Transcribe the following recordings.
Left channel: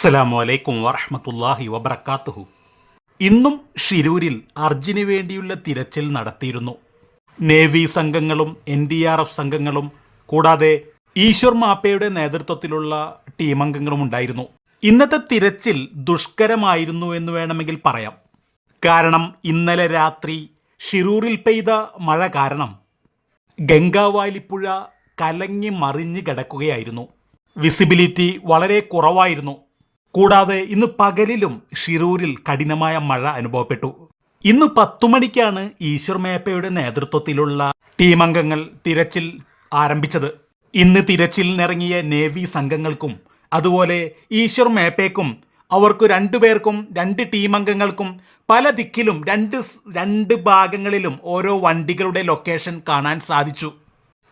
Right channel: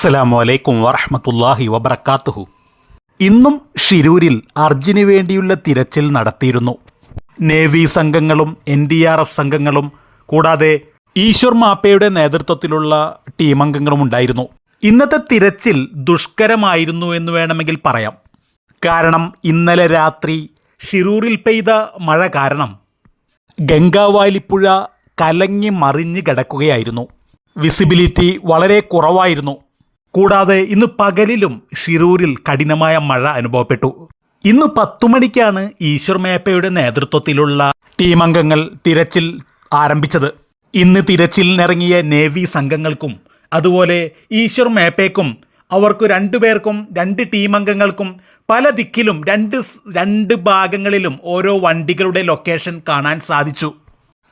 അസ്സലാമു അലൈക്കും വറഹമത്തല്ലാഹി വബർക്കാത്തുഹു ഇന്നും ഷിരൂരിൽ അർജുന് വേണ്ടിയുള്ള തിരച്ചിൽ നടത്തിയിരുന്നു. നേവി സംഘങ്ങളും എൻ ഡി ആർ എഫ് സംഘങ്ങളും കൂടാതെ ഈശ്വർ മാപ്പയുടെ നേതൃത്വത്തിലുള്ള ടീമംഗങ്ങളും ഉണ്ടായിരുന്നു. ഇന്നത്തെ തിരച്ചിൽ ദുഷ്കരമായിരുന്നു എന്ന് വേണമെങ്കിൽ പറയാം. കാരണം ഇന്നലെ രാത്രി ഷിരൂരിൽ പെയ്ത മഴ കാരണം ഗംഗാവാലിപ്പുഴ കലങ്ങി മറിഞ്ഞ് കിടക്കുകയായിരുന്നു. വിസിബിലിറ്റി വളരെ കുറവായിരുന്നു. കൂടാതെ ഇന്ന് പകലിലും ഷിരൂരിൽ കഠിനമായ മഴ അനുഭവപ്പെട്ടു. ഇന്ന് പത്തു മണിക്കാണ് ഈശ്വർ മേപ്പയുടെ നേതൃത്വത്തിലുള്ള ടീം അംഗങ്ങൾ തിരച്ചിൽ ആരംഭിച്ചത്. ഇന്ന് തിരച്ചിലിനിറങ്ങിയ നേവി സംഘങ്ങൾക്കും അതുപോലെ ഈശ്വർ മേപ്പയ്ക്കും അവർക്ക് രണ്ടുപേർക്കും രണ്ട് ടീം അംഗങ്ങൾക്കും പല ദിക്കിലും രണ്ട് രണ്ട് ഭാഗങ്ങളിലും ഓരോ വണ്ടികളുടെ ലൊക്കേഷൻ കാണാൻ സാധിച്ചു.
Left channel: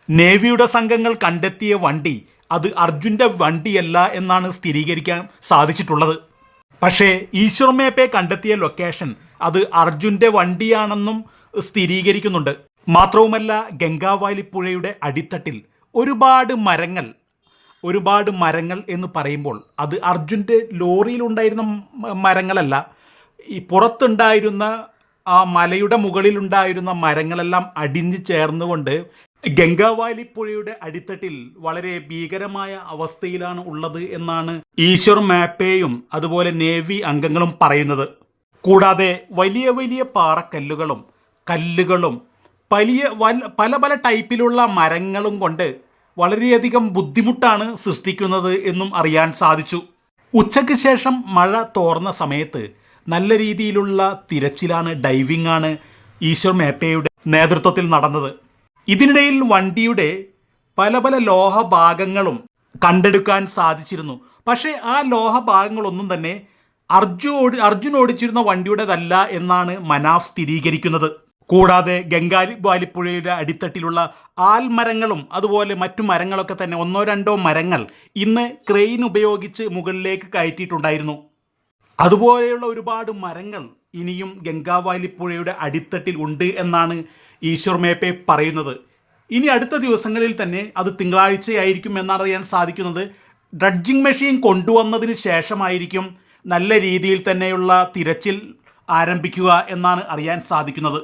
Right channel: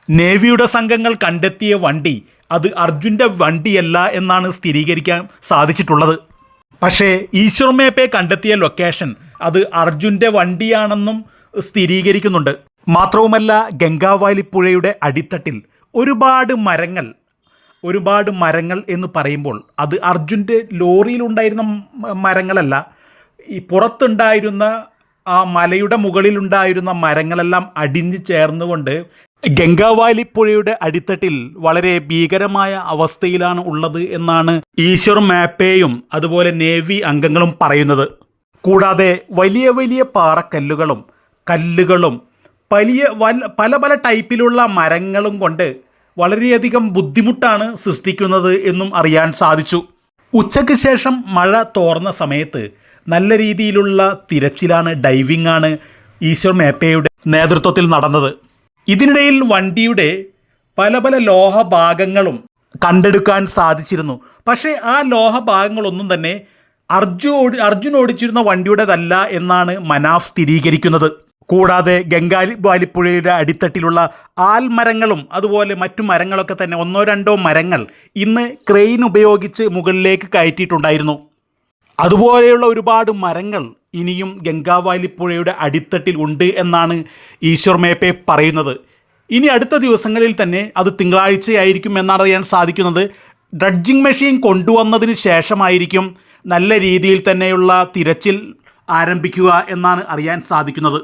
നേവിയുടെ സംഘങ്ങൾ കണ്ടെത്തിയ വണ്ടി അത് അർജുന്റെ വണ്ടിയല്ല എന്നാണ് സ്ഥിരീകരിക്കാൻ സാധിച്ചിട്ടുള്ളത്. പക്ഷേ ഈശ്വർ മേപ്പെ കണ്ടെത്തിയ ലൊക്കേഷൻ അത് അർജുന്റെ വണ്ടിയാണെന്നും സ്ഥിരീകരിക്കുന്നുണ്ട്. മാത്രവുമല്ല ഗംഗാവാലി പുഴയുടെ അടിത്തട്ടിൽ ഒരുപാട് മരങ്ങൾ ഒരുപാട് മരങ്ങൾ എന്ന് പറയുമ്പോൾ അത് അർജുന്റെ ലോറിയിലുണ്ടായിരുന്ന മരങ്ങളല്ല ഈ പുറത്തുണ്ടായിരുന്ന ആ മലയുടെ മുകളിലുണ്ടായിരുന്ന മരങ്ങളെല്ലാം അടിഞ്ഞു ചേർന്നുകൊണ്ട് ഗംഗാവാലി പുഴയുടെ അടിത്തട്ടിൽ വളരെ ഭീകരമായ അവസ്ഥയിലാണ് ഉള്ളത് എന്നാണ് ഈശ്വർ മാപ്പേയും അതുപോലെ നേവി അംഗങ്ങളും പറയുന്നത്. കൂടാതെ വലിയ വലിയ പാറക്കല്ലുകളും കല്ലുകളും വലിയ പല പല ടൈപ്പിലുള്ള മരങ്ങളും കൊണ്ട് വളരെയധികം ബുദ്ധിമുട്ടാണ് സൃഷ്ടിക്കുന്നത് എന്നും അറിയാൻ സാധിച്ചു. ഉച്ചയ്ക്ക് ശേഷം മഴ തോർന്ന സമയത്ത് നല്ല രീതിയിലുള്ള തിരച്ചിലാണ് ഡൈവിംഗ് ആണ് ഈശ്വർ മേപ്പയുടെ നേതൃത്വത്തിൽ നടന്നത്. ഇതിനിടയിൽ വണ്ടിയുടെ പല പല ലോഹഭാഗങ്ങളും കണ്ടെടുക്കാൻ സാധിച്ചിരുന്നു. പക്ഷേ ആ ലോഹഭാഗങ്ങളൊന്നും തന്നെ അർജു ഓടി അർജുൻ ഓടിച്ചിരുന്ന വണ്ടിയുടേതല്ല എന്നാണ് മനാഫ് സ്ഥിരീകരിക്കുന്നത്. കൂടാതെ ഗംഗാലി വാലിപ്പുഴയുടെ അടിത്തട്ടിലുള്ള ആൽമരങ്ങളും അതുപോലെ മറ്റു മരങ്ങളൊക്കെ തന്നെ ഒന്നോ രണ്ടോ മരങ്ങൾ ഇന്ന് ക്രെയിൻ ഉപയോഗിച്ച് മുകളിലേക്ക് കയറ്റിയിട്ടുണ്ടായിരുന്നു. അതുപോലെയുള്ള ഒരുപാട് മരങ്ങൾ ഇനിയും ഗംഗാവാലിപ്പുഴയുടെ അടിത്തട്ടിൽ ഉണ്ട് എന്നാണ് ഈശ്വർ മേപ്പെ പറയുന്നത്. ഇനി അടുത്ത ദിവസങ്ങളിൽ തന്നെ അത് തിങ്കളാഴ്ചയായിരിക്കും എന്നറിയാൻ സാധിക്കുന്നത്. ഡ്രഡ്ജിങ് മെഷീൻ കൊണ്ടുവന്നതിന് ശേഷമായിരിക്കും നല്ല രീതിയിൽ തന്നെയുള്ള തിരച്ചിൽ ആരംഭിക്കുക എന്നാണ് അറിയാൻ സാധിക്കുന്നത്.